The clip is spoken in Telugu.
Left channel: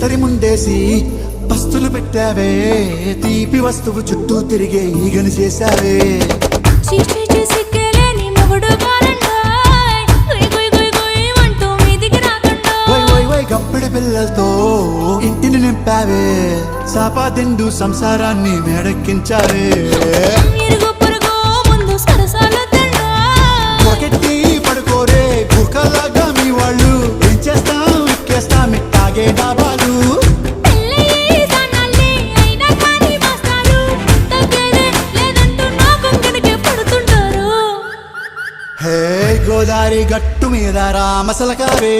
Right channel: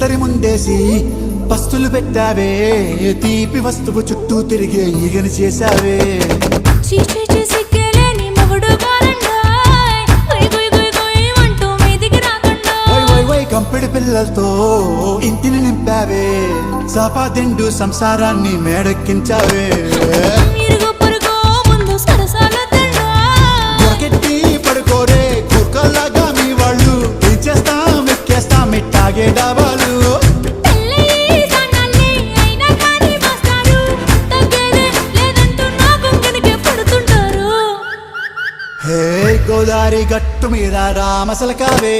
విస్తరి ముందేసి పస్తులు పెట్టావే తీపి వస్తువు చుట్టూ తిరిగే ఈగలు చేశావే చీచీ సిగ్గలేని మొగుడు గారండాయ్ గుయ్ గుయ్ గుయ్ గుయ్ అంటూ మీదికి రాకండా వై వై వై గంపెడి పిల్లలతో ఇంటిని నింపావే సాపాదిండు సంసారాన్ని మేడెక్కించావే ఇరుగు పొరుగు ముందు సరసాల తండా నాకెట్టి పడుకోరే కుక్కలాగా మీ వాళ్ళు ఏం చేస్తాం ఎక్కేస్తాం ఇట్టాగే డాబాలు పెళ్ళయి సన్నాళ్ళే అయినా కానీ మాస్తారు తగ్గేదే లేదంటూ నా కొంగనికే పడుతుంటారు హే గోదారి గట్టు మీద రామసలకావే